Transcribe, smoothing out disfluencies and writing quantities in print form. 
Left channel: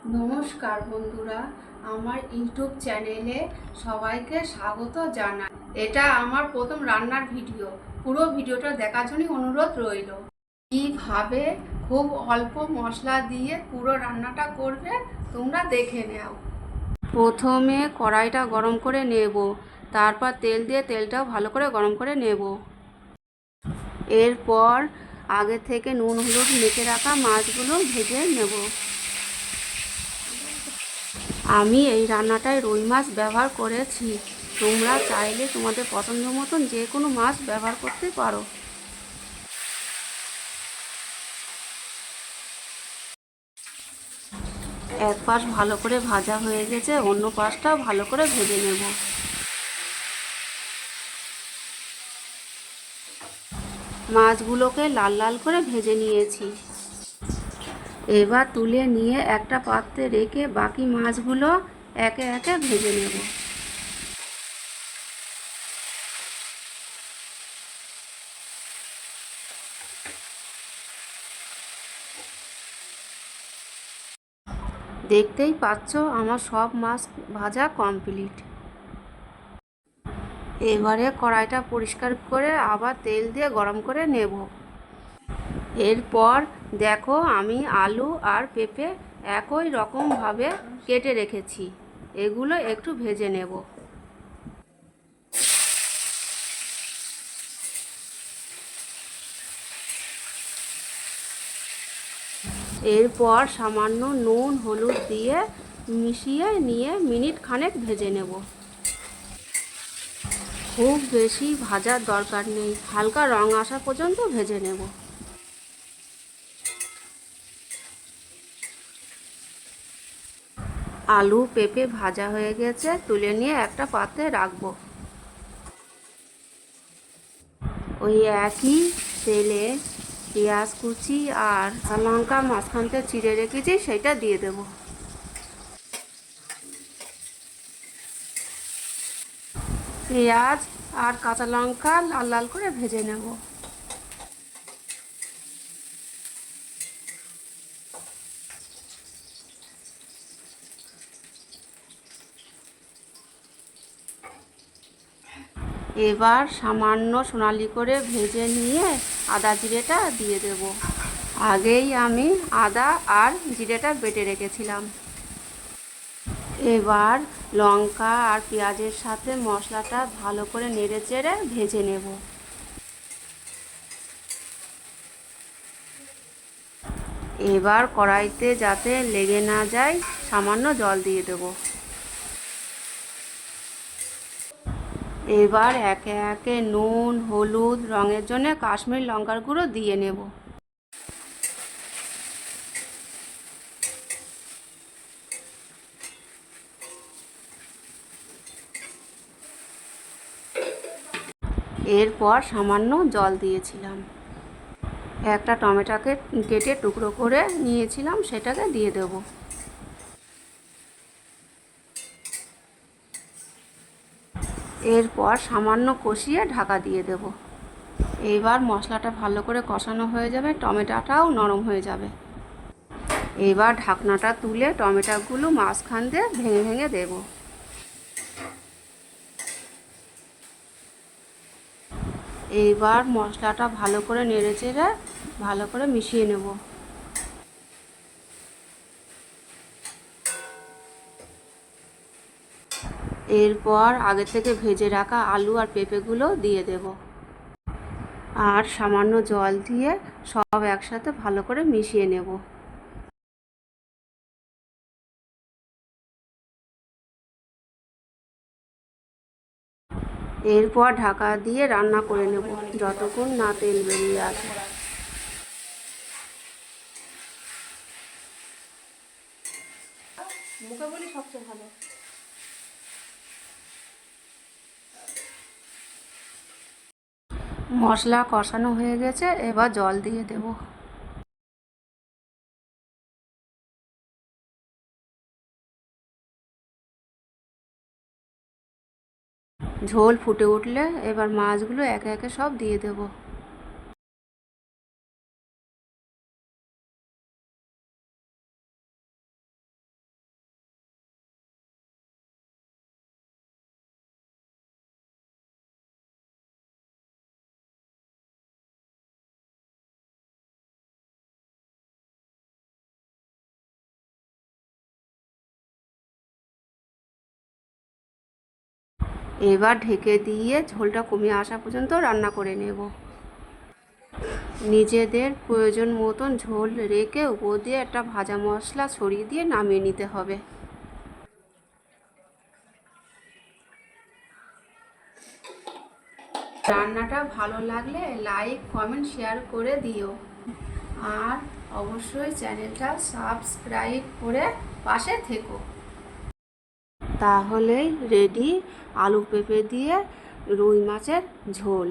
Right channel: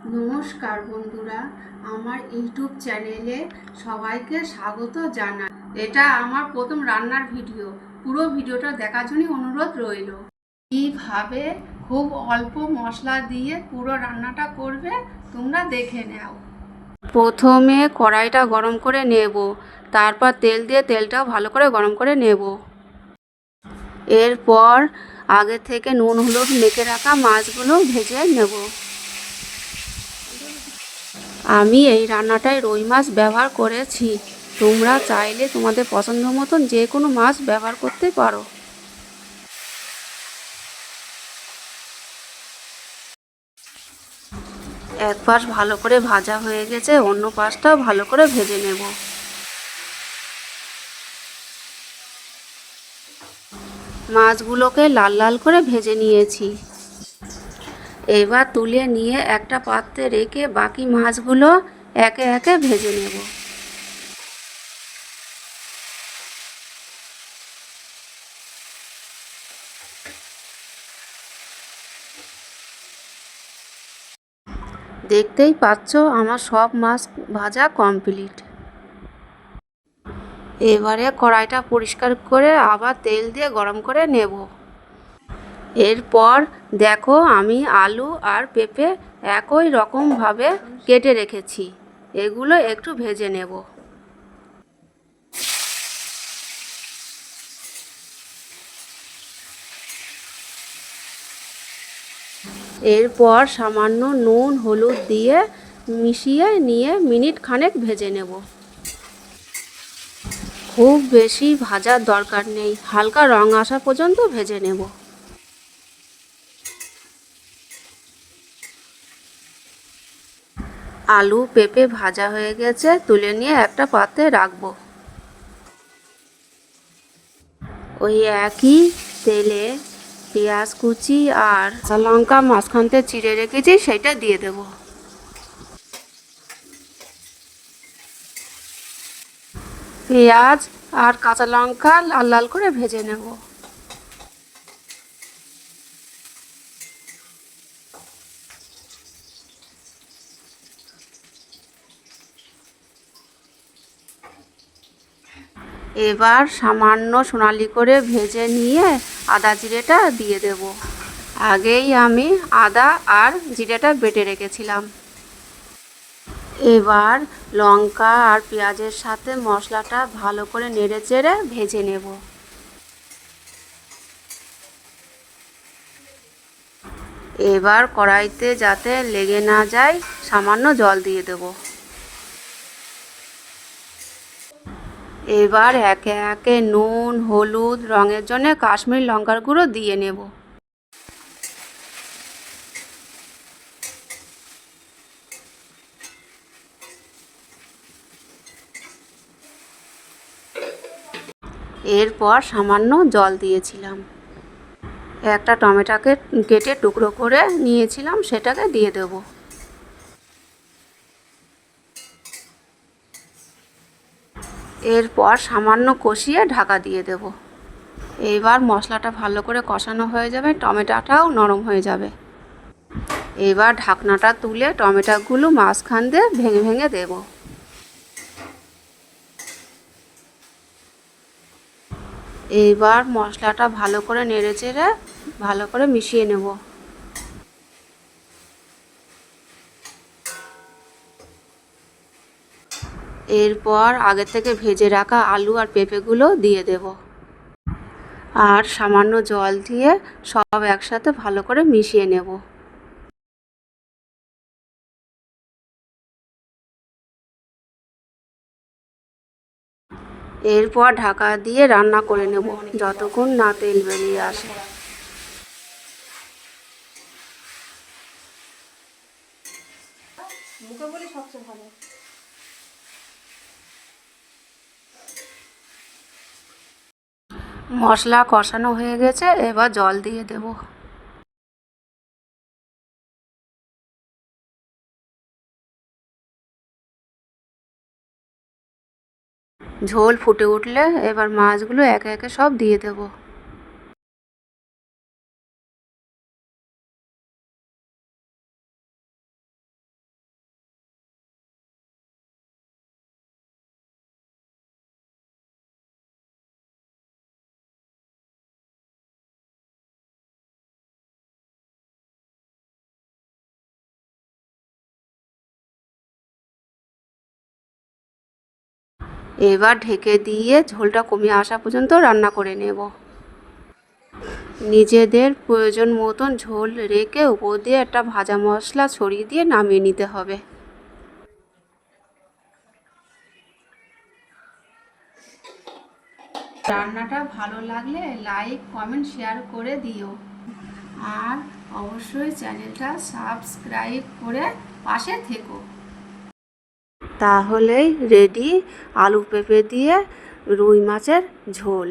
নমস্কার বন্ধুরা, আমার ইউটিউব চ্যানেলে সবাইকে স্বাগত জানাই। এটা আমার প্রথম রান্নার ভিডিও। পুরো ভিডিওটা দেখার জন্য অনুরোধ রইল। এইভাবে খুব অল্প মশলা দিয়ে পুরো রান্নাটা করবে, তোমরা দেখে নাও। প্রথমে কড়াইটা গরম করে নেব, তারপর তেল দিয়ে তেলটাও ভালো করে গরম করে নেব। এরপর আগে থেকে নুন হলুদ মেখে রাখা মাছগুলো ভেজে নেব। আমি এই রান্নাটায় রুই মাছ ব্যবহার করেছি। তোমরা চাইলে তোমাদের পছন্দ মতন যে কোনো মাছ ব্যবহার করতে পারো। এক পাশ ভালো করে ভাজা হয়ে গেছে, অন্য পাশটাও ভালো করে ভেজে নেব। মাছগুলোকে লাল লাল করে ভেজে নিয়েছি। এবার তুলে নিয়ে একটা পাত্রে রেখে বাকি মাছগুলো একে একে ভেজে নেব। দেখতেই পাচ্ছ আমার সব মাছ ভাজা কমপ্লিট। এবারে কড়াইটা পরিষ্কার করে আবার তেল দিয়ে গরম করে নেব। এরপর দেখো আমি আলু আর পেঁপে একই রকমভাবে কেটে রেখেছি, এগুলো একটু ভেজে নেব। এরপর সামান্য নুন হলুদ দিয়ে মিশিয়ে নিয়ে মিনিট খানেক ভেজে নেব। খুব বেশি ভাজার দরকার নেই, হালকা রং আসা পর্যন্ত ভেজে নেব। আলু পেঁপে ভাজা হয়ে গেছে, তুলে নিয়ে একটা পাত্রে রাখবো। ওই একই তেলে পেঁয়াজ কুচি আর কাঁচা লঙ্কা মাঝখানতে চিড়ে রেখেছি, সেটা দিয়ে দেব। পেঁয়াজ আর কাঁচা লঙ্কা লাল লাল করে ভেজে নেব। এবার সামান্য সোনালি করে ভেজে নিয়ে আদা জিরেটা দিয়ে দেব। আগেই আমি আদা আর জিরেটা বেটে রেখেছিলাম। এবার লঙ্কা আর পেঁয়াজের সাথে মশলাটা ভালো করে নেড়েচেড়ে ভেজে নেব। এবার কড়াইতে যাতে লেগে না যায় সামান্য জল দিয়ে দেব। এবার একে একে নুন হলুদ রঙের জন্য কাশ্মীরি লঙ্কার গুঁড়ো দিয়ে নেব। এরপর সামান্য জল দিয়েছিলাম। একটা টমেটোকে কেটে টুকরো করে নিয়েছিলাম, সেটাকে দিয়ে দেব। এরপর সামান্য কষিয়ে ঢাকা দিয়ে দেব। এবার মশলাটা ভালো করে কষানো হয়ে যাবে, টমেটোটাও নরম হয়ে যাবে। এবার ঢাকনাটা তুলে টমেটোগুলো মাঝখান দিয়ে ভেঙে ভেঙে দেব। এইবার মশলাটা ভালো করে নেড়েচেড়ে ভালো করে মিশিয়ে নেব। এরপর আগে থেকে ভেজে রাখা আলু আর পেঁপেগুলো দিয়ে দেব। আর সামান্য জল দিয়ে সব একসাথে ভালো করে মিশিয়ে নেব। এরপর ঢাকা দিয়ে রান্না করে নেব যতক্ষণ না তেল বেরিয়ে আসে। মুখে বলি সবচেয়ে ভালো। মশলা কষানো হয়ে গেছে, এবার জল দিয়ে দেব। ঝোল ফুটে উঠলে এবার মাছগুলো একে একে সব দিয়ে দেব। এবার ঢেকে দিয়ে ঝোলটা কমে আসা পর্যন্ত রান্না করে নেব। নিজেদের প্রয়োজন মতন ঝোল রেখে উপর দিয়ে একটা ভাজা মশলা ছড়িয়ে দিয়ে নামিয়ে নিতে হবে। রান্নাটা ভালো লাগলে লাইক, কমেন্ট, শেয়ার করে দিও। আর অবশ্যই চ্যানেলটা সাবস্ক্রাইব করে পাশে থেকো। তাহলেই রেডি আলু পেঁপে দিয়ে রুই মাছের ঝোল।